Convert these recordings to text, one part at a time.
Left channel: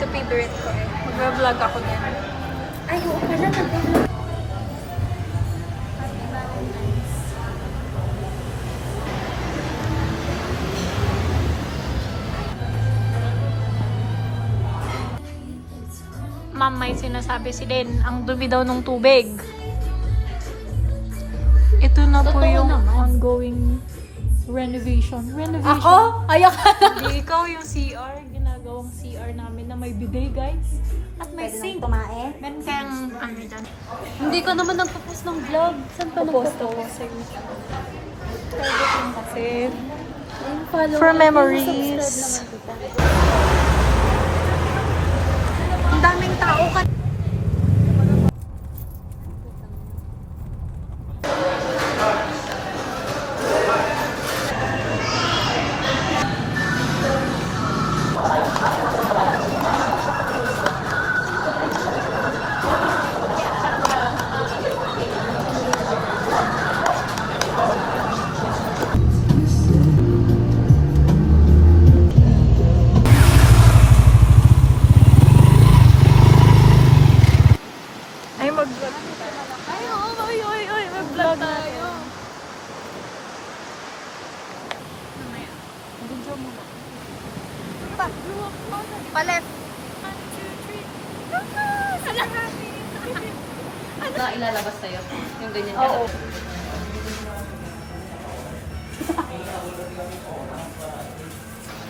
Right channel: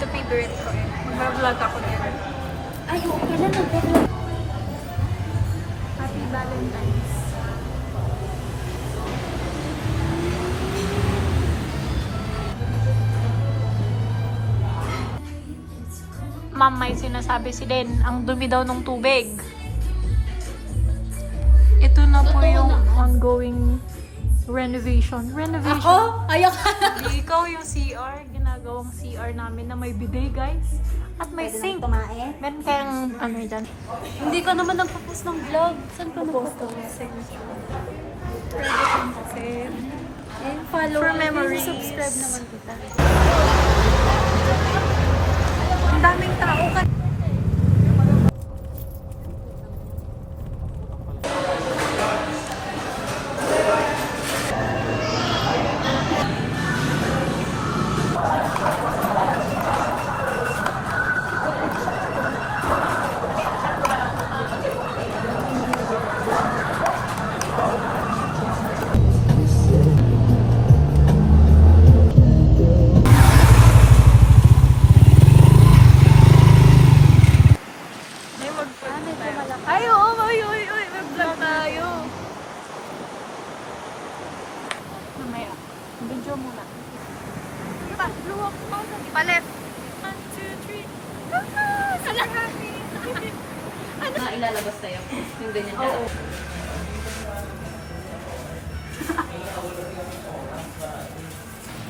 Ito favorite ko eh. Mag-vlog ako din. Ay, oo pala, nag-vlog. Happy Valentine's. Ma'am, may sinasabi si Den, ang dumi daw ng tubig. Ito na po Totoo yung naman. ongoing renovation. Renovation? Ako? Ayak. Hindi, ikaw yung CR. Ginagawang CR namin na may bidet, guys. At may Pwede sink. nang tumae. Meron kayang ano dyan. Hindi ka naman nagpo-post ng vlog. Saan ka nagpo-post? Pwede kang kasi. Follow. For memories. Subscribe naman kita. Ang daming tao ka. Ay, mag-vlog tayo. Ay, oo, mag-vlog tayo. Mamaya. Video mo na. Diba, luwak mo na. Palit. 1, 2, 3. Salamat! Ano? Ilalabas tayo. Yung ganyan. Oo.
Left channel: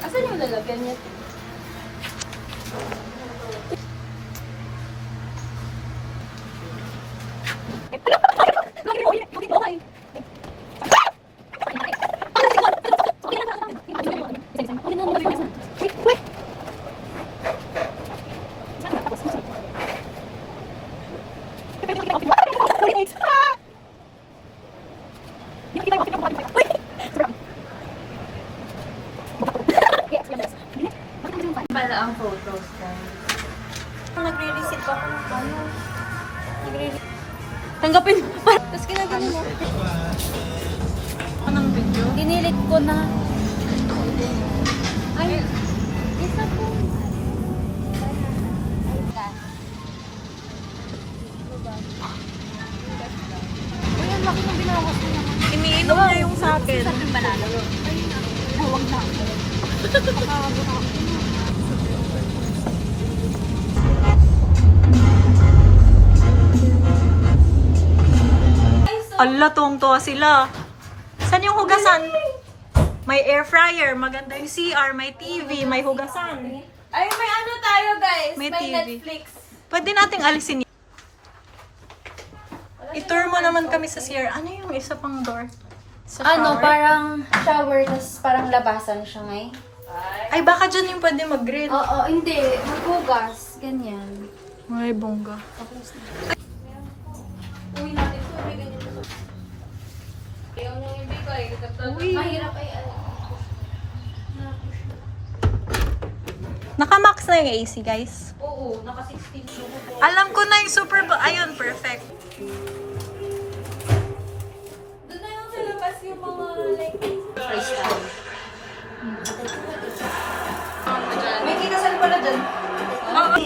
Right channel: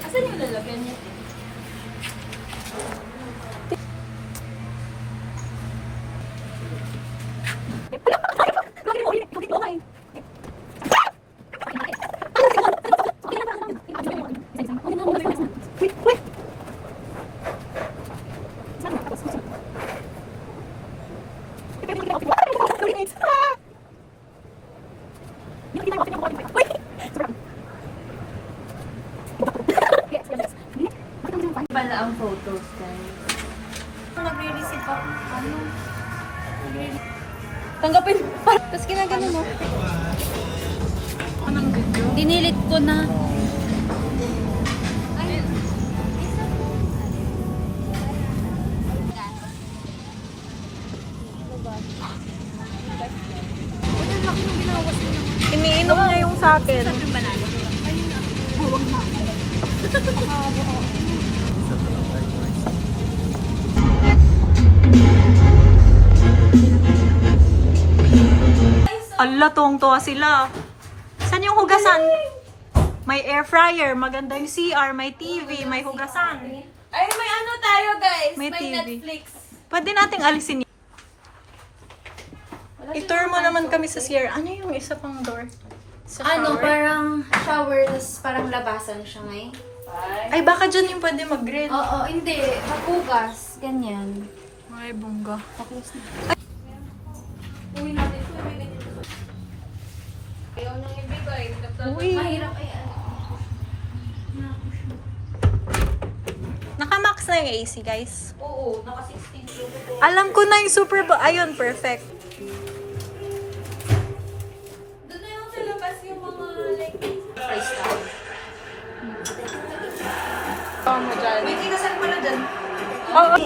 Asan yung lalagyan niya? Para ang photos ka. Nagre-receive ako. Ano? Tanggapin mo pa. Tapos kinaganon mo. Anong video? Dinilit ko na. Ay. Iniinom niya yung sa akin. Ala, tuwang-tuwa sila. Saan yung hugasan? May air fryer, maganda yung CR, may TV, may hugasan. Ay, may ano tayo guys. May TV. Netflix. Pwede nating alisin yun. I-tour mo naman kami sa CR. Ano yung isa pang door? Sa Ano, shower? parang shower, tas parang labasan siya ngayon. Ay, baka dyan yung pwede mag-grill. Oo, hindi. Maghugas. Ganyan. Ay, bongga. Uwi natin ito. May ganyan. Ayaw niyang ibigay. Uy. Mahirap eh. Naka-max na yung AC, guys. Oo, naka-16. Alam ko na yung super... Ayun, perfect. Doon na yung sa labas yung mga like price tag. May kinasal pala dyan. Oo.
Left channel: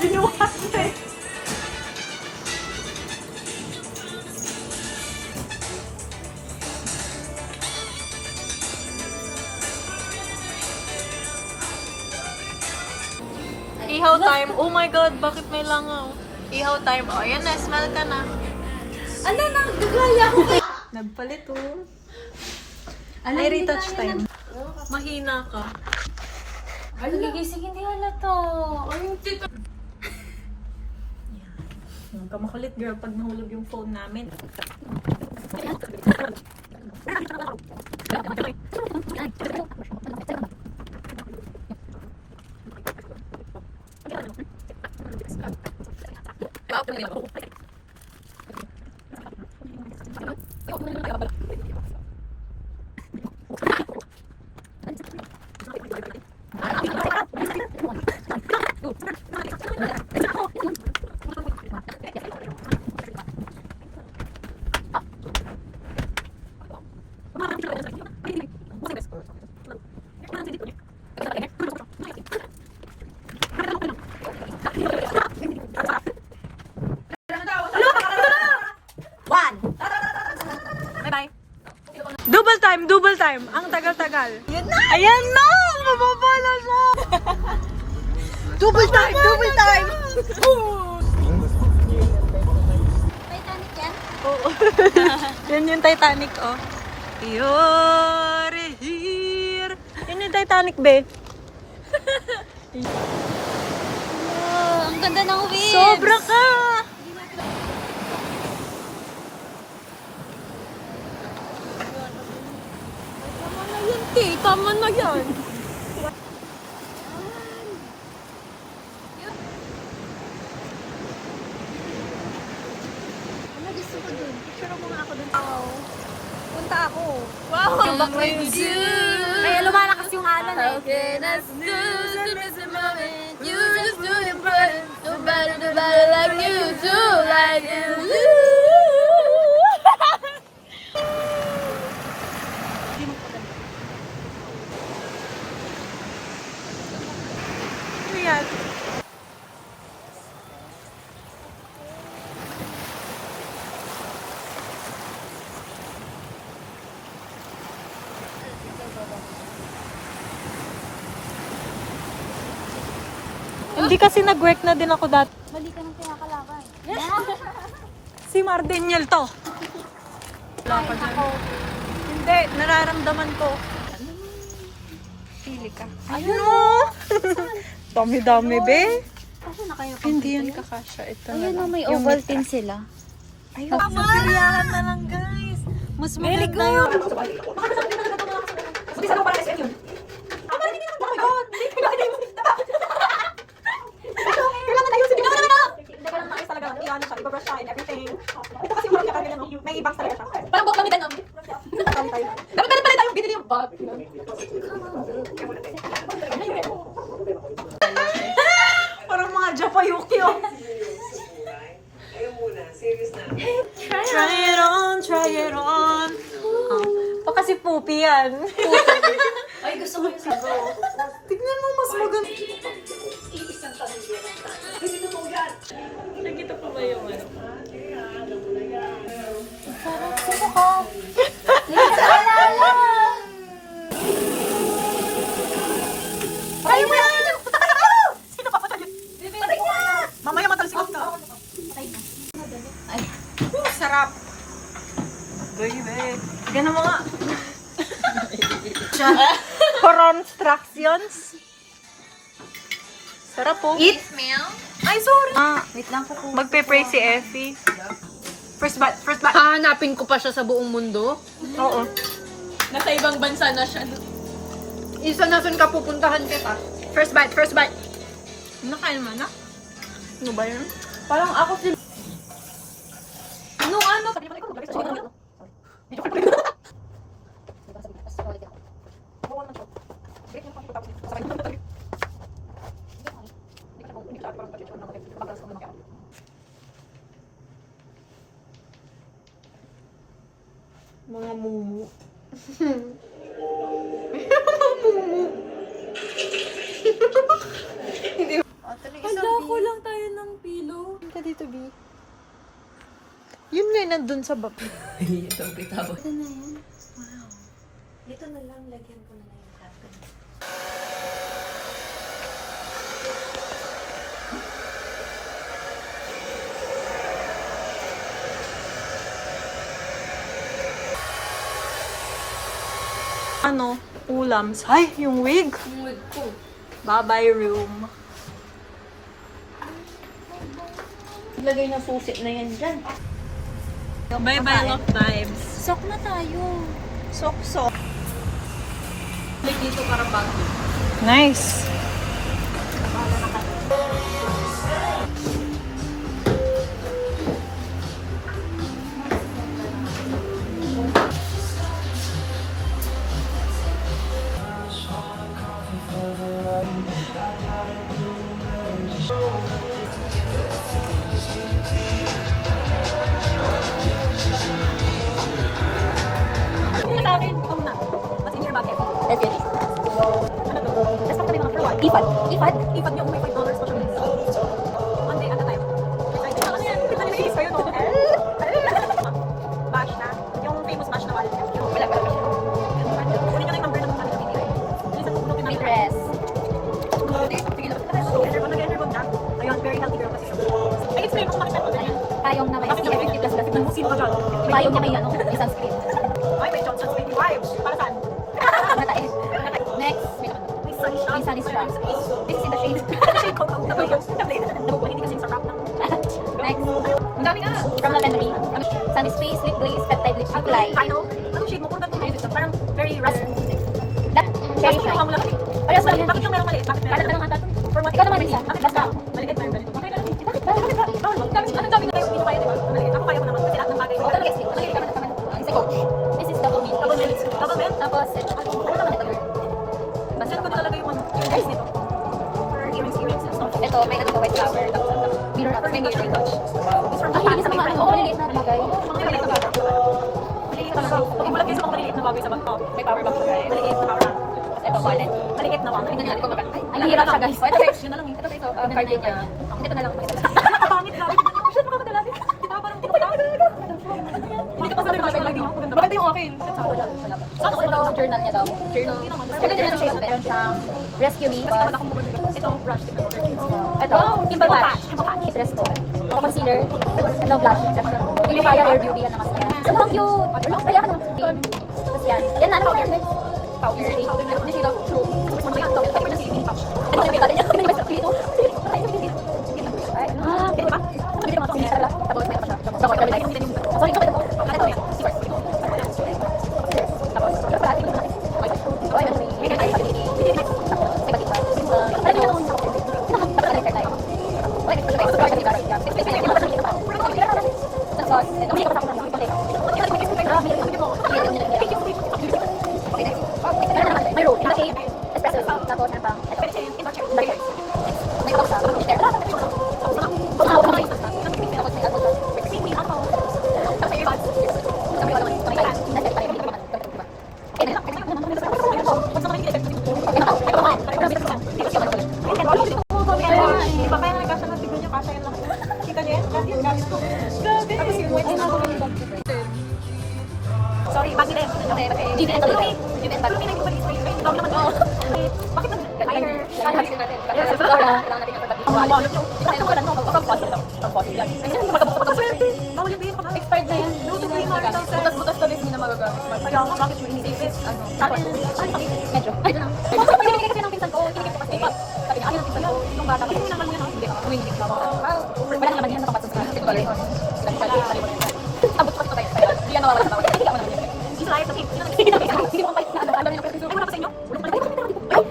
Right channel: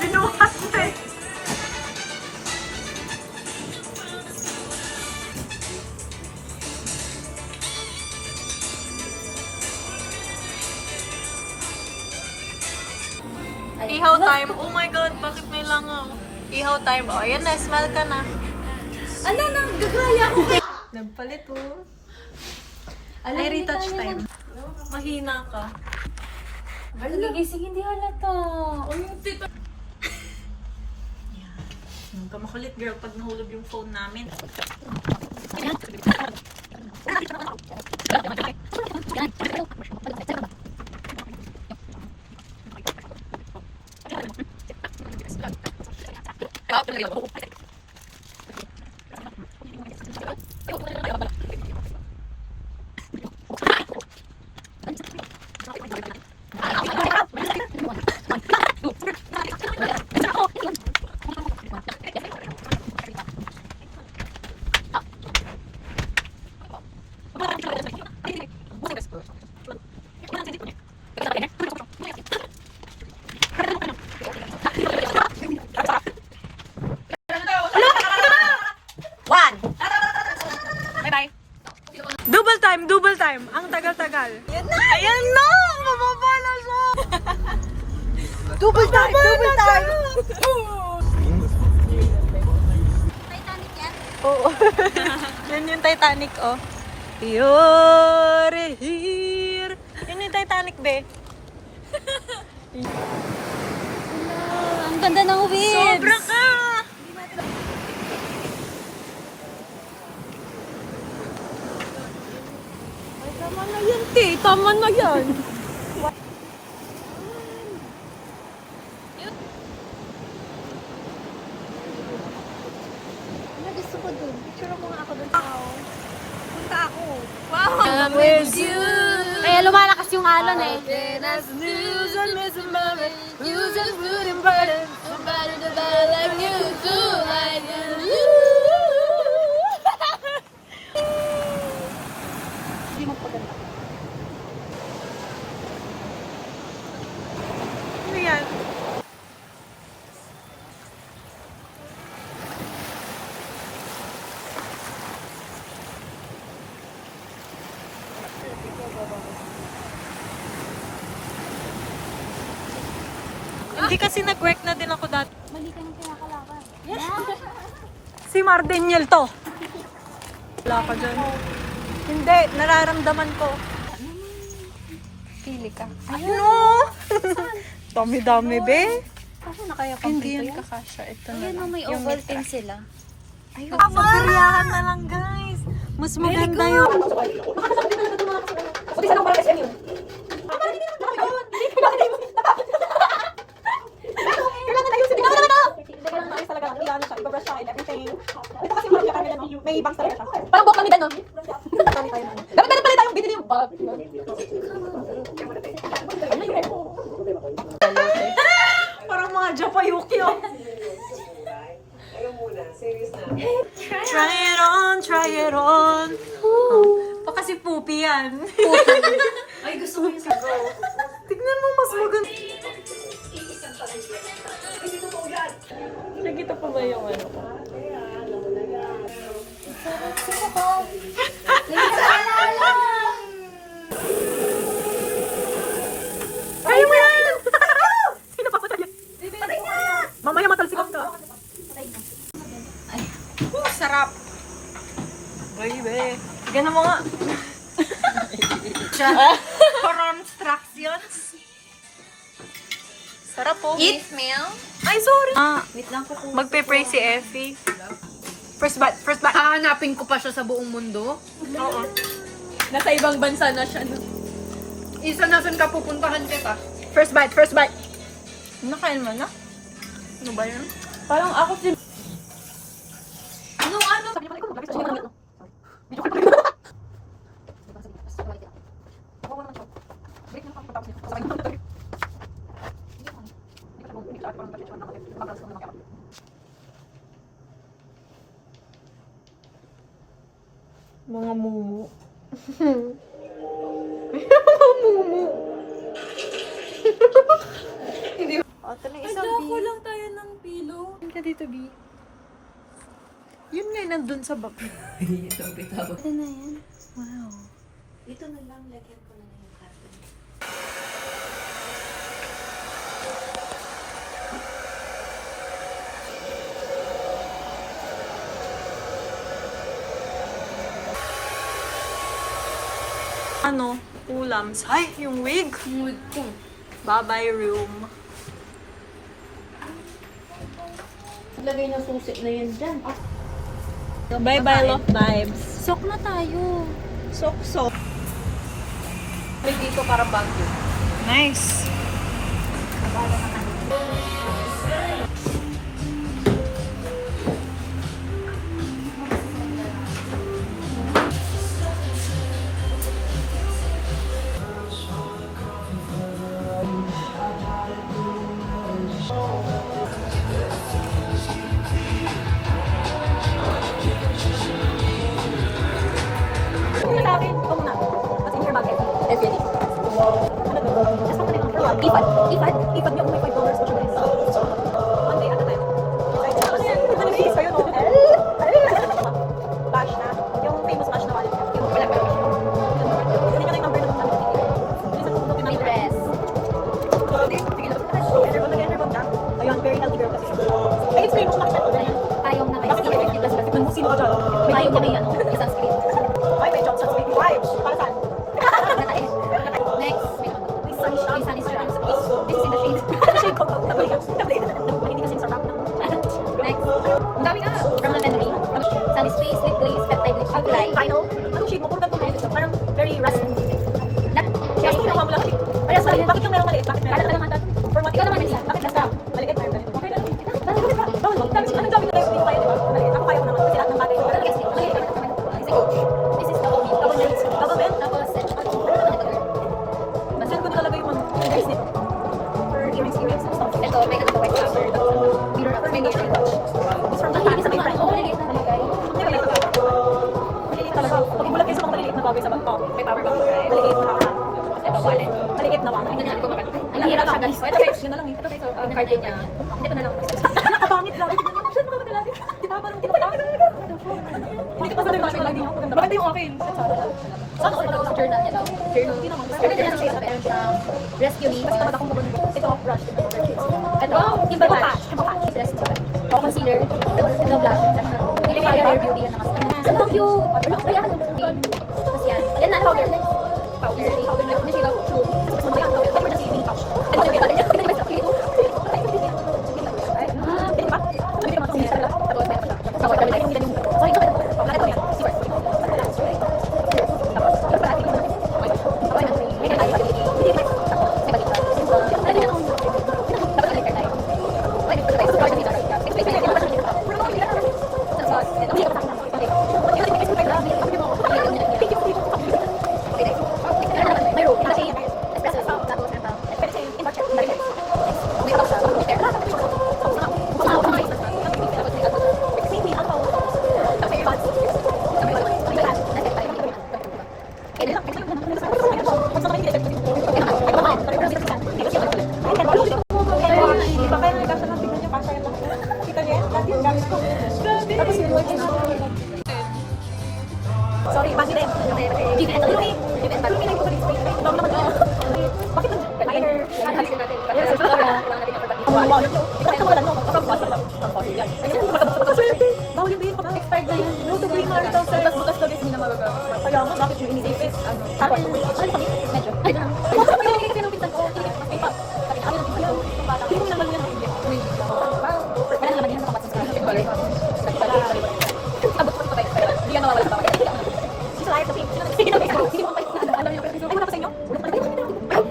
Binuhat na eh. Ihaw time. Oh my God, bakit may langaw? Ihaw time. Oh, yan na. Smell ka na. Ano, nagagaya ko kayo. Nagpalit oh. Alam, Ay, hindi retouch tayo time. Mahina ka. Nagigising, hindi halata. Ay, tita. Nang ka makulit girl pag nahulog yung phone namin. Double time, double time. Ang tagal-tagal. Ayan na! Mababala siya! Double time, double time! Titanic yan. Oo. Yan yung Titanic, oh. You're here. Yan yung Titanic, be. Ang ganda ng waves. Sobra ka! Tama na yan, te. Tama na yan. Ano gusto ko dun? Picture mo nga ako dun. Punta ako. Wow! I'm with you. Kaya lumalakas yung alon eh. You just do it right. Nobody do that like you do. Like you. Ano yan? Hindi kasi nag-work na din ako dati. Mali ka ng pinakalaban. Si Mardeniel to. Wala ka dyan. Hindi, nararamdaman ko. Pili ka. Ano? Dami-dami, be. Kaso na kaya Hindi yan kakasya. Ito na Ayun lang. may Yung Ovaltine mitra. sila. Ayun, magpapariyahan na lang, guys. Mas Very maganda good. yun. Kailangan na yun. Sige naman ako! Hindi, kailangan maayos talaga. Iyan siya, ibabrush siya and everything. Ito kasi marami kami no? May bangs talaga siya. Parang buhok kami din, no? Dami tayo na. Dapat meron pala tayong binili yung bag. Parang mga Japayuki, oh. Try it on, try it on. Baka si Poopy yan. Ay, gusto ko yung sago. Tignan mo, mas maganda. Nagkita pa ba yung ano? Sino ka? Kayo mo yan! Sino pa patay? Mamaya matalsikas ka. Sarap. Baby. Ganun mo nga. For instructions. Sarap po. Eat meal? Ay, sorry. Wait lang ko kung... Magpe-pray si Effie. First bat, first bat. Hahanapin ko pa siya sa buong mundo. Oo. Nasa ibang bansa na siya. Isa na saan ka pupuntahan kita. First bite, first bite. Nakain mo na? Ano ba yan? Parang ako si... Anong ano? Sabi naman ko, maglagay sa siya. Video ko pa. Break yung pagkatapos nito. Sabay naman talaga. Mga mumu. Ito na isang Ako lang tayo ng pillow. ka dito, B. Yun nga, nandun sa baba. Dito na lang, lagyan ko na lang yung carton. Ano? Ulams. Ay, yung wig. Ang wig ko. Bye-bye room. Lagay ng susi na yan dyan. Bye-bye love vibes. Sok na tayo. Sok-sok. Dito para bago. Nice. Sa akin, ito muna. What's in your bucket? SPNA. Ano to? Just something on for what? IFAD. IFAD? IFAD niyo kung may $5 po siya dito. One day at a time. Like, ano yan? Ano yung face kayo, no? Bash na. Yung famous bash na wallet. Wala pa lang siya. Sino ka dyan? Yung may ano, may sunscreen. Ay, may job sa 25. Para saan? Natain. Next, May sunshine. may sunny strap. It's in the shade. Shade ko. Tablet. Hindi kasi sarap ng... Next, Ang dami nga. Carla Henry. Sunny space, lip base, peptide lip apply. Final. Anong shade mo? Puro ganito medyo. Parang very rusty. That, Gusto ko naman lang. Parang maliit. Bakit yung merong maliit? Bakit Kala meron? ka naman tato. For what? Ikaw naman yan. Bakit basta? Maliit na yung ganito. Okay na lang. Bakit? Bakit ba? Bawal mo. Anong dami na tayo hindi ko kaya, di ba? Maliit. Ako kaya ko naman. Kasi lahat ng bagay ko. Ito, yes. Okay, tama na, tama na. Sa coach. This is double meal. Double mint. Double mint? Tapos, ano naman ito? Basta ko na talaga yung guys nito. For earrings, earrings and stuff. Ito, may ano white flower. Tapos, ano? Mirror touch. May mirror touch. It's from Ang Japan. tamis Sa ng mga mga ano. Maliit na ramagay. Ang maliit na bagay. Maliit talaga. Pagbubulag kayo sa mga maliit na bagay sa bag ko. May power bank siya. Maliit na power. Tapos, ito, wallet. Maliit na wallet. Tingnan natin kung magkano. Ay, Ang ang hirap siya, lang. guys. Oh, ito guys, yun na lang. Ito guys, card din niya. Hindi ko na lang pakita. Nakapangit, grabe. Tignan niyo, siya nakakadalaga. Di ba? Parang pinapakita. Hindi ko pa sabi kasi lagi ako ganda. Maganda yung akin. Saan ako sa journal niya daw? Journal. Journal niya siya. Meron siyang rescue me. Basta tamad akong bumalik. Ito, brush. Ito, Ito, Kimber Patch. Rescue. Concealer. No blush. Yung kaya rare beauty. Ano ang cute? Ano? Kaya ano? Tapos yan. Ayan na, powder. Powder. Hindi siya daw true. Ito na yung niya. Ito yung dito. Okay ba? Hindi naman ito. Tapos meron pa siya. Tapos kami tayo. Sorry, ito. Ito. Secret. Tapos, ito pa. Okay na. May tayo sa pagiging. May balik siya. Ano yun? Tapos alikar tayo. Okay, ito tayo. Ito tayo. Ito tayo. Tapos, ito. Okay. Okay, next. May rope. May shape. Espresso. Tapos, ano pa? May pa siya. Tapos, may alcohol siya. Tapos, may alcohol siya. Diba kaya may kasya ng tignan niyo, kasya yan lang. Kita niyo yan? Kasi yung gamit ko. Tapos yung words na. Sorry, bakit eh? Bakit nag-liner? Bawal yung bilhin ko na. Expired na yan. No to green marital sex. Butas ka din, hindi na magagamit. Kaya nga, bakit yung inisipis? Ano? Tapos, hindi mo naman yan. Slide, okay. Sige na, sige na. Ang dami ng pera. Ay, wala pa sa inyo?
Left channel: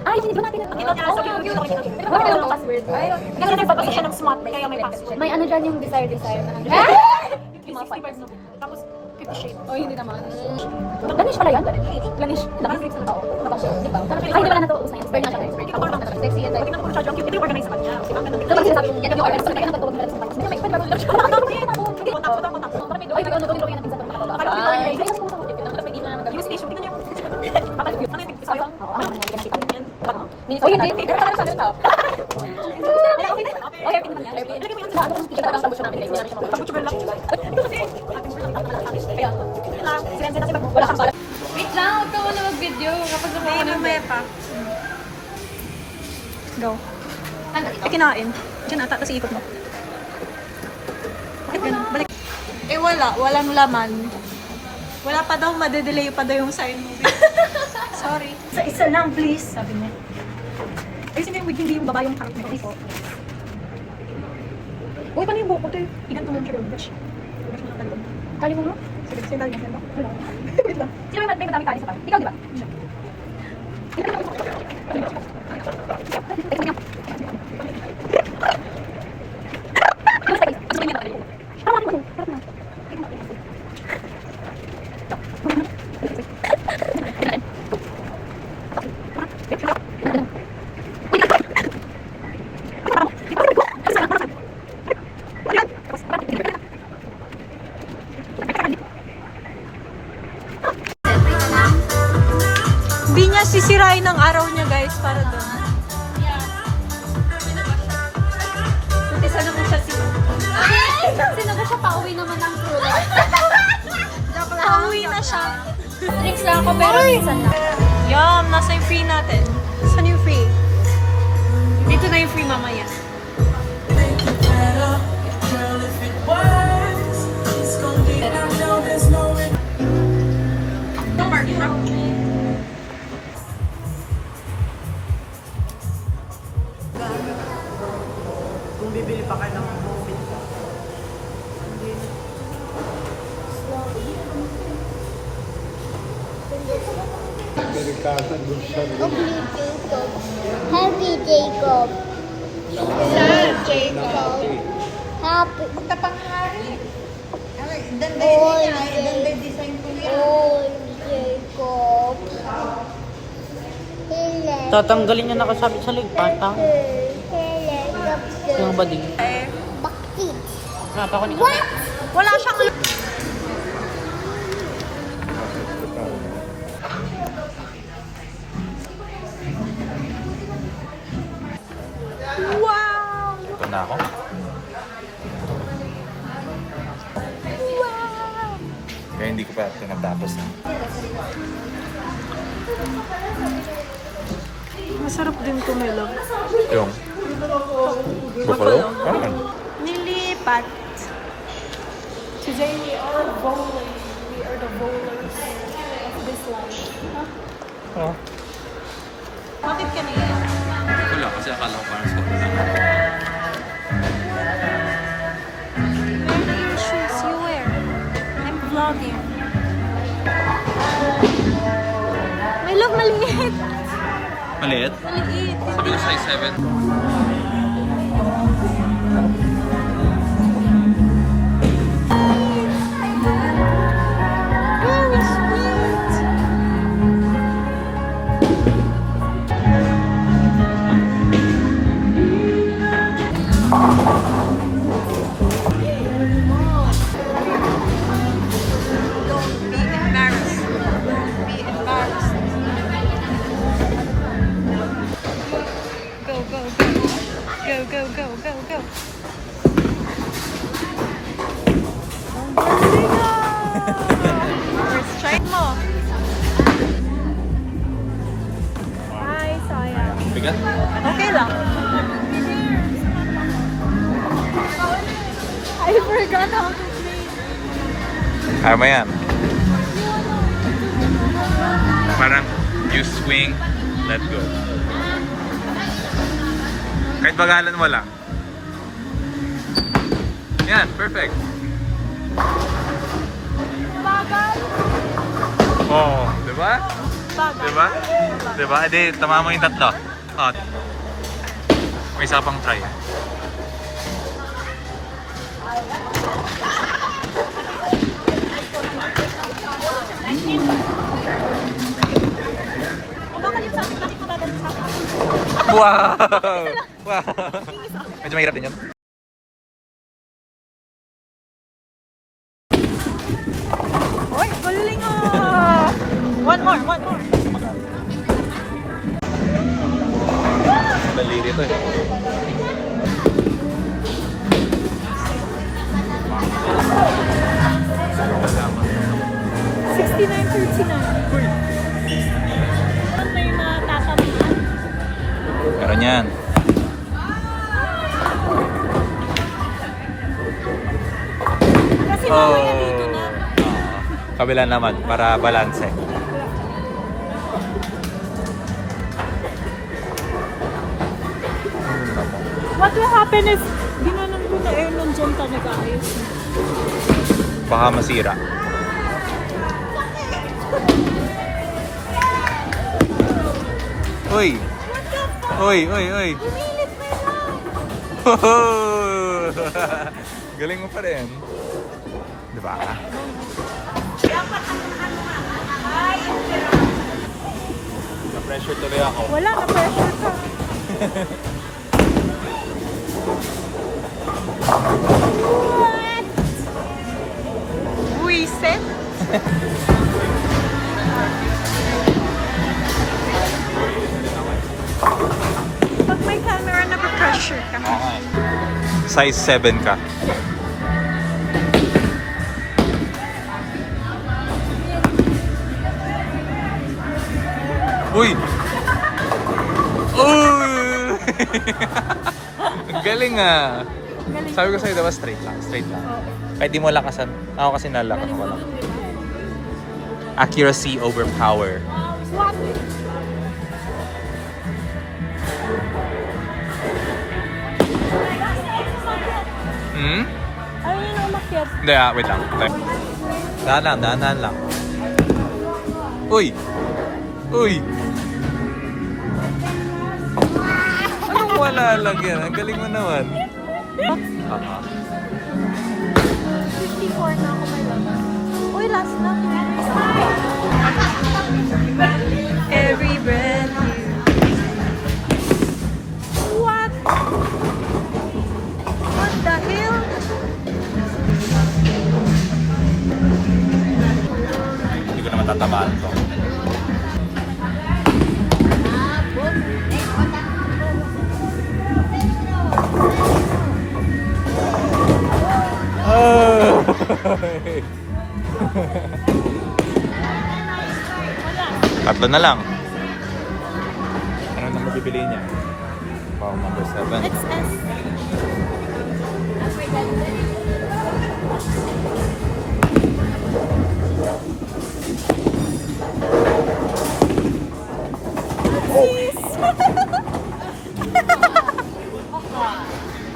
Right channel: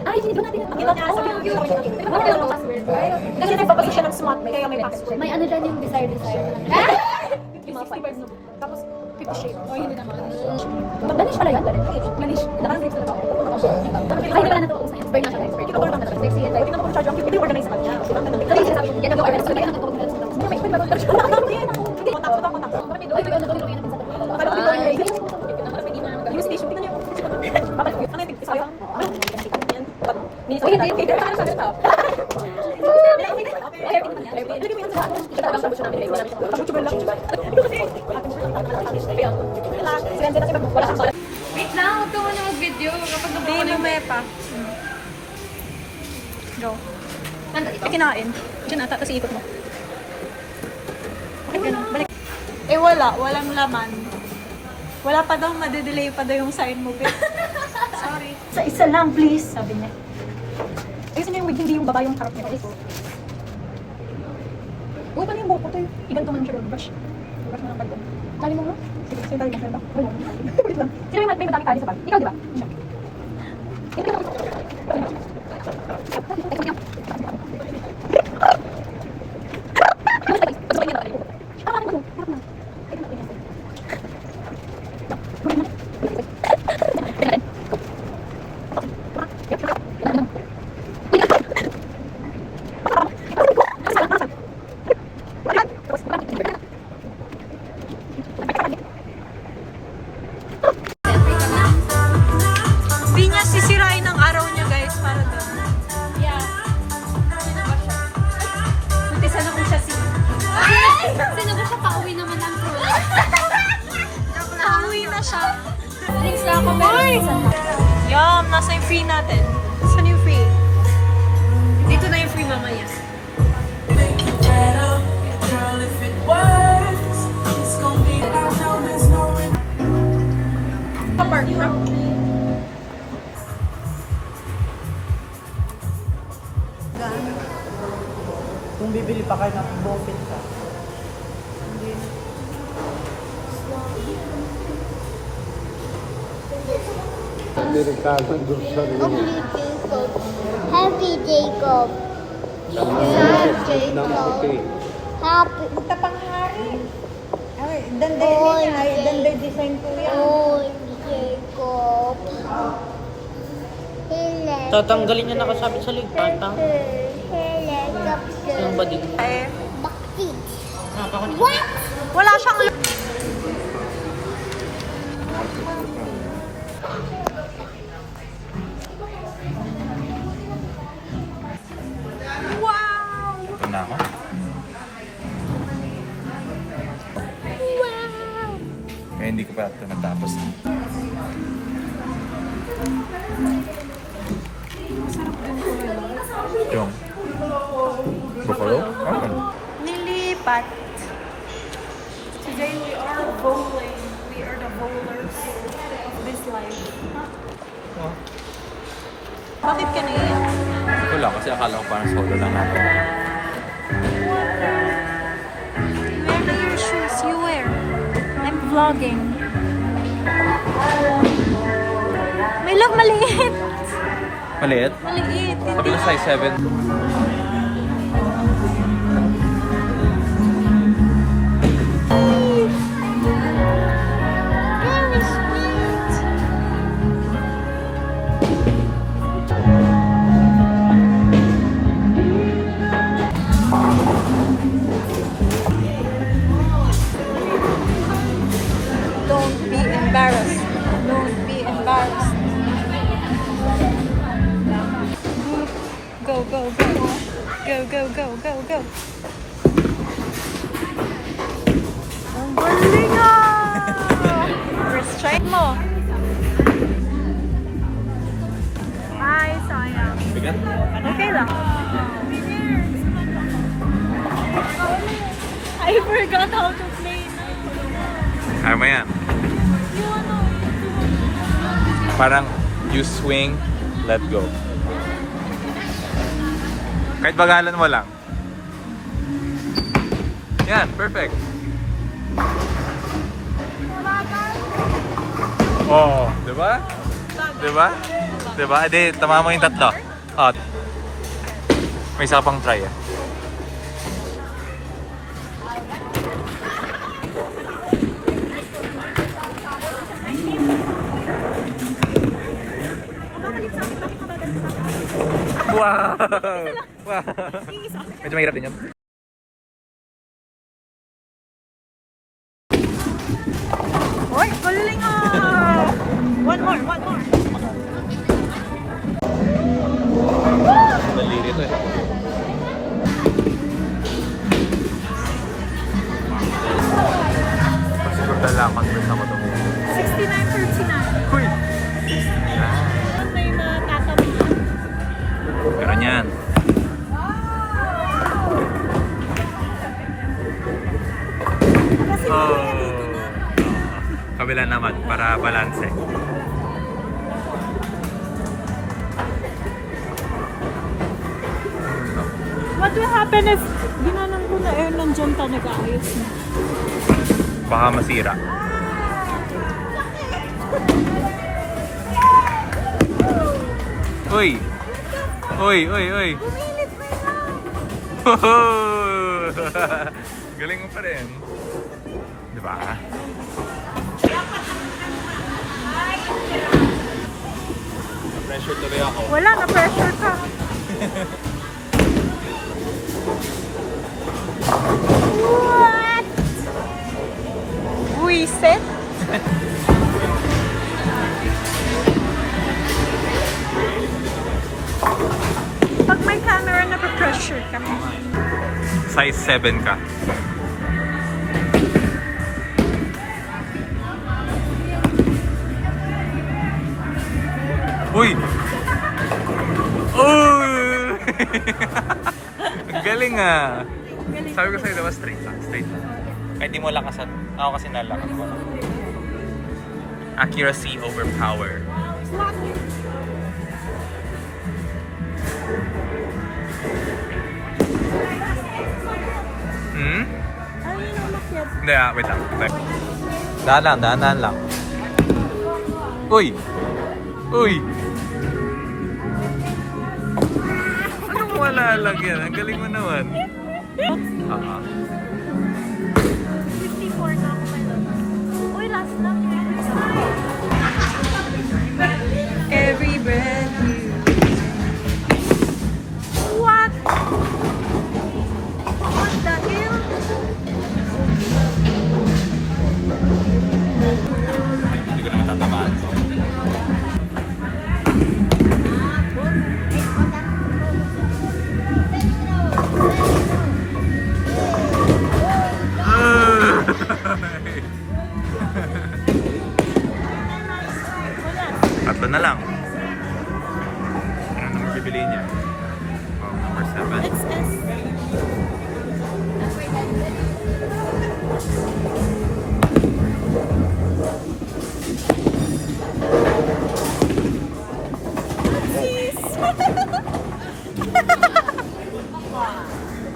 Ay, hindi ba natin? Hindi ba niya sabi yung password? Kasi nagbabasa siya ng smart, kaya may password. May ano dyan yung desire. 65 na book. Tapos 50 shades. Oh, hindi naman. Vanish pala yan? Vanish. Naka-break sa tao. Diba? Ay, wala na to. Burn na siya guys. Ako naman talaga. Sexy and tingnan mo kung siya yung cute. Ito yung organize sa kanya. Diba? Ganun. Ito yung sinasabi. Yan yung organize. Kaya nagtawag nila sa kanya. Hindi, may pwede ba lang siya? Kontak. Parang may doon. Gawin sa tapo. Akala ko dito yung race. Pwede na naman Use station. Tingnan niyo yung bakit? Ano yung sabi? Mini sa kanya. Parang sa laptop. Wait lang, huwag ka muna mag-video. Hindi, mamaya pa. Go. Kinain. Diyan ata, kasi ikot mo. Bakit ganun? Balik. Eh wala, walang laman. Wala pa daw, madedelay pa daw yung sign mo. Sorry. Isa lang, please. Sabi niya. Ayusin niya yung wig, hindi yung baba yung harap niya. Uy, paano yung buko, te? Igan to man siya, brush. Brush na lang kalbo. Tali mo, no? Sige, sige, tali mo. Wait lang. Sino yung may madaming tali sa pa? Ikaw, di ba? Siya. Hindi niya sisirain ang araw niya, guys, para doon. Sino ba siya pauwi naman ng true Pauwi na siya. Drinks lang ako pero minsan lang. Yum! Nasa yung free natin. Saan yung free? Dito na yung free mamaya. Ito Kung bibili pa kayo ng profit. Happy Jacob. Happy. Oy, Jacob. Tatanggalin niya nakasabit sa lipat, ha? Helicopter. Yung bading. Bakit? Nakakunik. What? Wala siyang... Wow! Ito na ako. Kaya hindi ko pa ito natapos. Masarap din kumilog. Yung buffalo? Nilipat. Today we are bowling. We are the bowlers of this life. Oo. Bakit kanina? Wala, kasi akala ko parang solo lang natin. Shoes you wear. I'm vlogging. May lang maliit. Maliit? Maliit. Sabi ko size 7. Oh, sweet. Don't be embarrassed. Don't be embarrassed. Go, go, go. Go, go, go, go, go. Ang galing ah! First try mo. Ay, sayang. Bigat? Okay lang. I forgot how to play. Kaya mo yan. Parang you swing, let go. Kahit bagalan mo lang. Yan, perfect. Oh, di ba? Di ba? Di ba? Edi, tama mo yung tatlo. Oh. May isa pang try eh. Wow! Wow! Medyo mahirap din yun. Oy, galing ah! One more, one more. Dali dito eh. Salamat sa mga 69.39. Uy! May matatamaan. Meron yan. Kasi mamaya dito na. Kabila naman, para balance. What will happen if ginanong ko na air nandiyan ka nag-aayos na? Baka masira. Uy! Uy, uy, uy! Bumilit na yan! Galing mo pa rin. Diba? Na-pressure tuloy ako. Wala, na-pressure ka. What? Buisit? Pag may camera, na-pressure ka. Size 7 ka. Uy! Uy! Ang galing ah! Galing. Sabi ko sa'yo, diba straight lang, straight lang. Kahit di mo lakasan. Ako kasi nalak. Accuracy over power. Hmm? Ayun yung umakyat. Hindi wait lang. Dahan lang. Uy! Uy! Anong wala lang yan? Ang galing mo naman. Uy, last one. Every breath you What? What the hell? Hindi ko naman tatamaan ito. Tatlo na lang. Ano na mabibili niya? Wow, number 7. XS.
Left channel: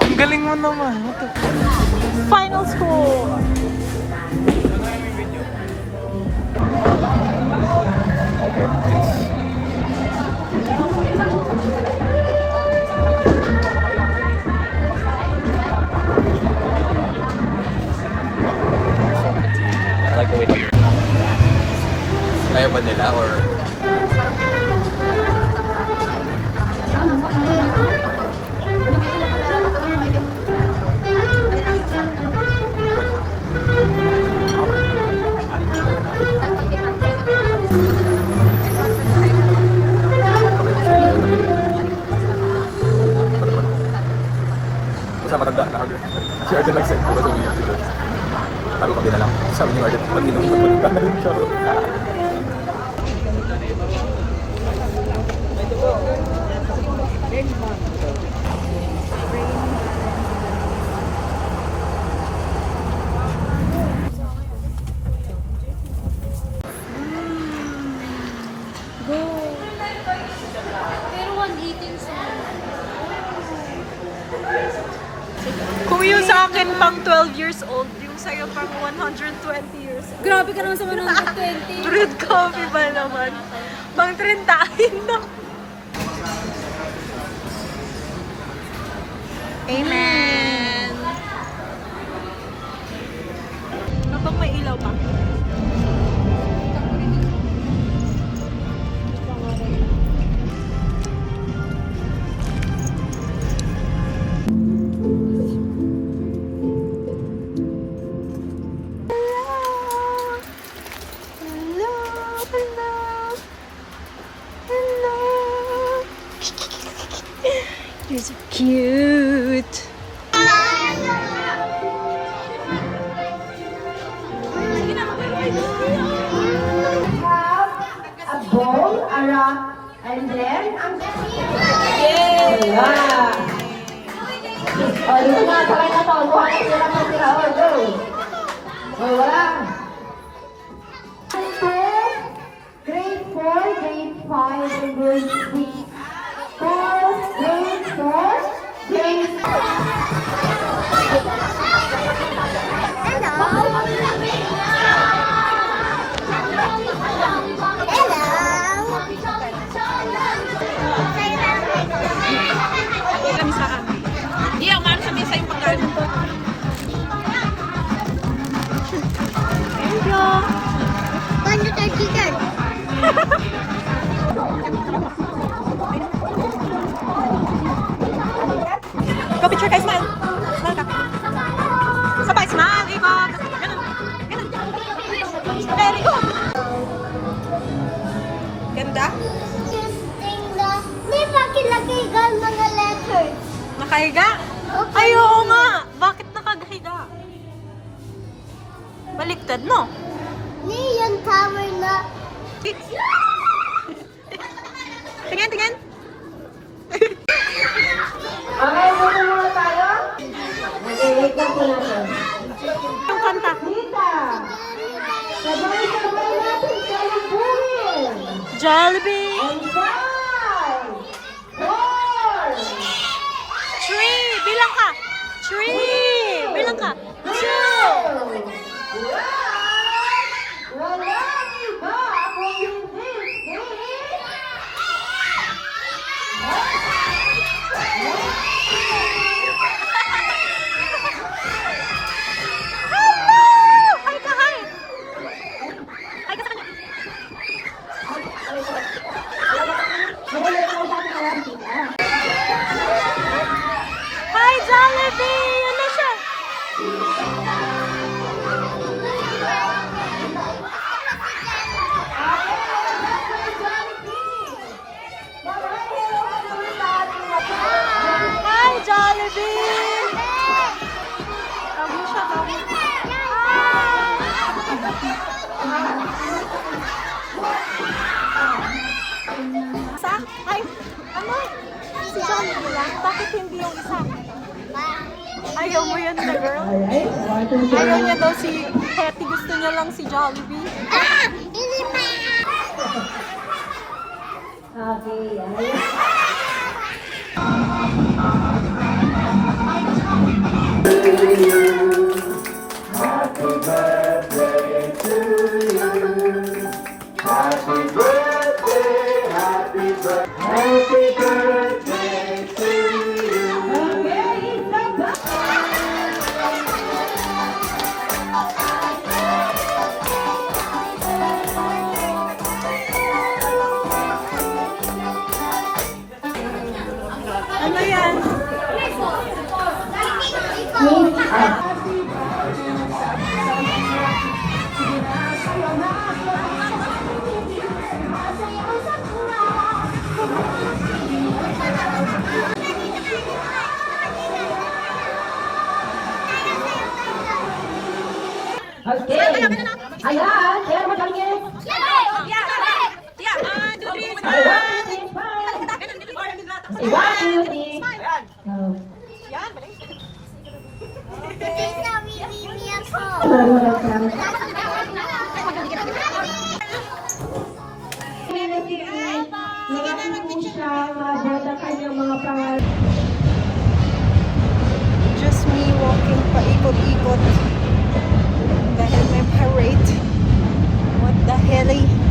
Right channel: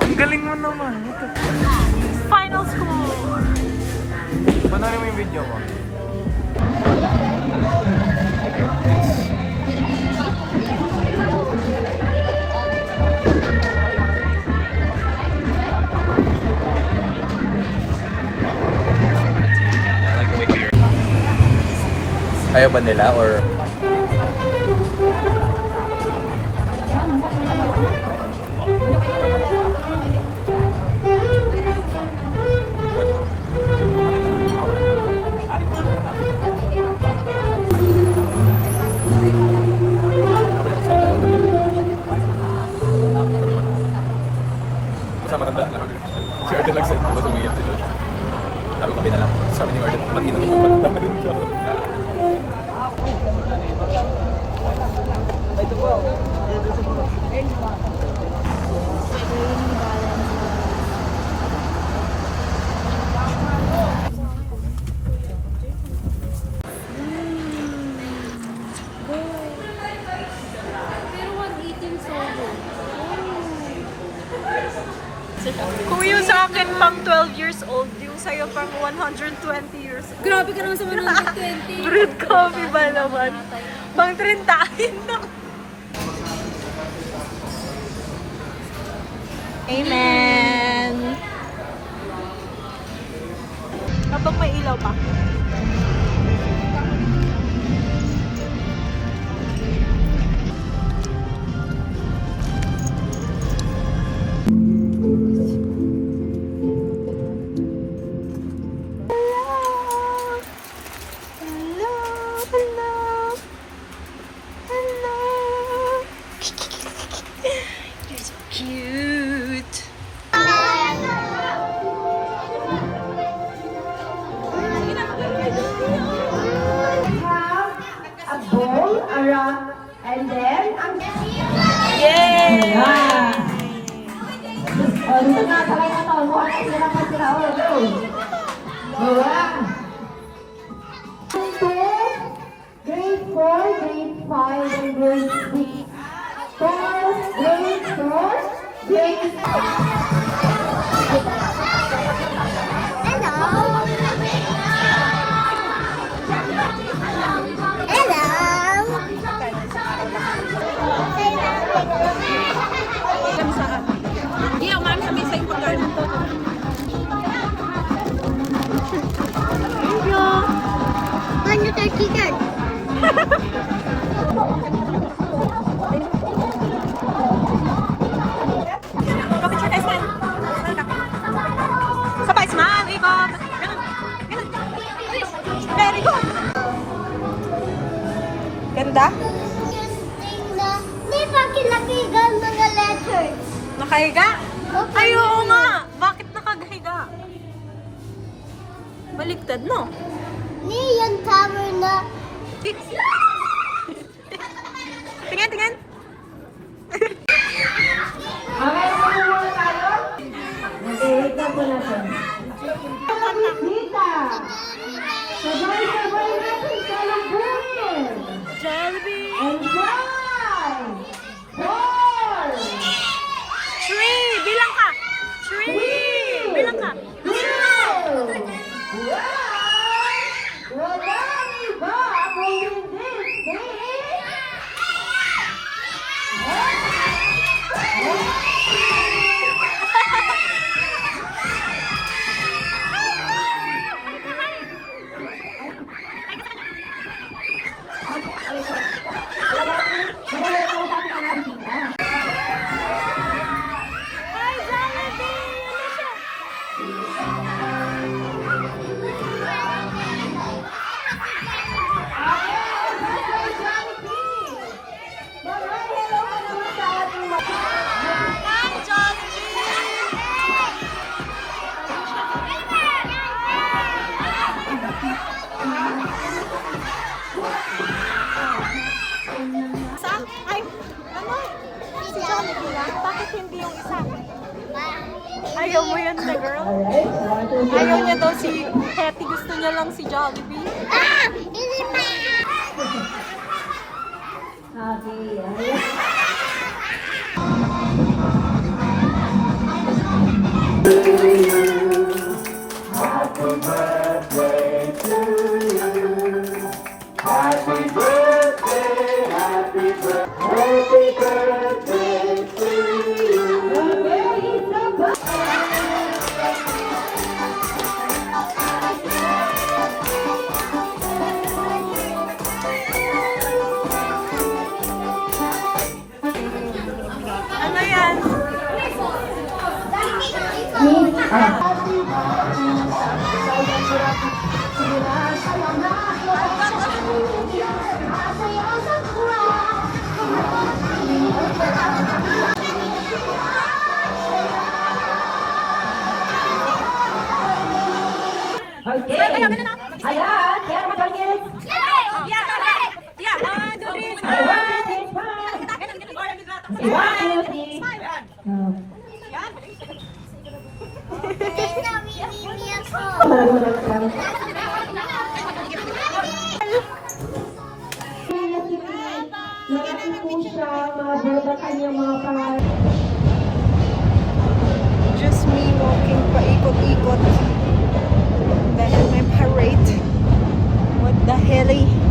Ang galing mo naman. Final score. Panoorin mo yung video ko. Like the way here. Ayaw ba nila or... Sa matanda na kami. Si Arden nag-send ko ba umiyak sila. Sabi ko kami na lang. Sabi ni Arden, mag-inom pag matanda na rin siya. Pero 118 solo. Kung yung sa akin pang 12 years old, yung sa'yo pang 120 years old. Grabe ka naman sa 120. Brewed coffee ba naman? Pang 30 na. Amen. Habang may ilaw pa. You're so cute. A bowl around and then ang wala. Oh, dito na, sabay na to. Luha ka sila ng sila. Oh, go. Wala. Grade 4, grade 5, and grade 6. 4, grade 4, grade 'Di ako man sa misa yung pagkain. Paano tayo chicken? Go picture guys, smile. Smile ka. Sabay, smile, ikot. Ganun. Ganun. Very good. Ganda? Di ba kilakigan mga letters? Nakahiga? Ay, oo nga. Bakit nakahiga? Baliktad, no? Ni yung tower na Tingnan, tingnan. Okay, muna tayo. Okay, wait lang po natin. Dita. Sabay-sabay natin to. Jollibee! And 5, 4, 3! Bilang ka! 3! Bilang ka! 2! 1. Walang iba kung hindi si... Hi, Jollibee! Yun na siya! Hi, Jollibee! Isa? Ay, ano? Si Jollibee lang? Bakit hindi yung isa? Ayaw mo yan na, girl? Ayaw niya daw si Hetty. Gusto niya lang si Jollibee. Ano yan? Okay. Ayan, kaya mo tingin. I want you to smile. I want you to Just me walking paikot-ikot dahil may parade. What the hell?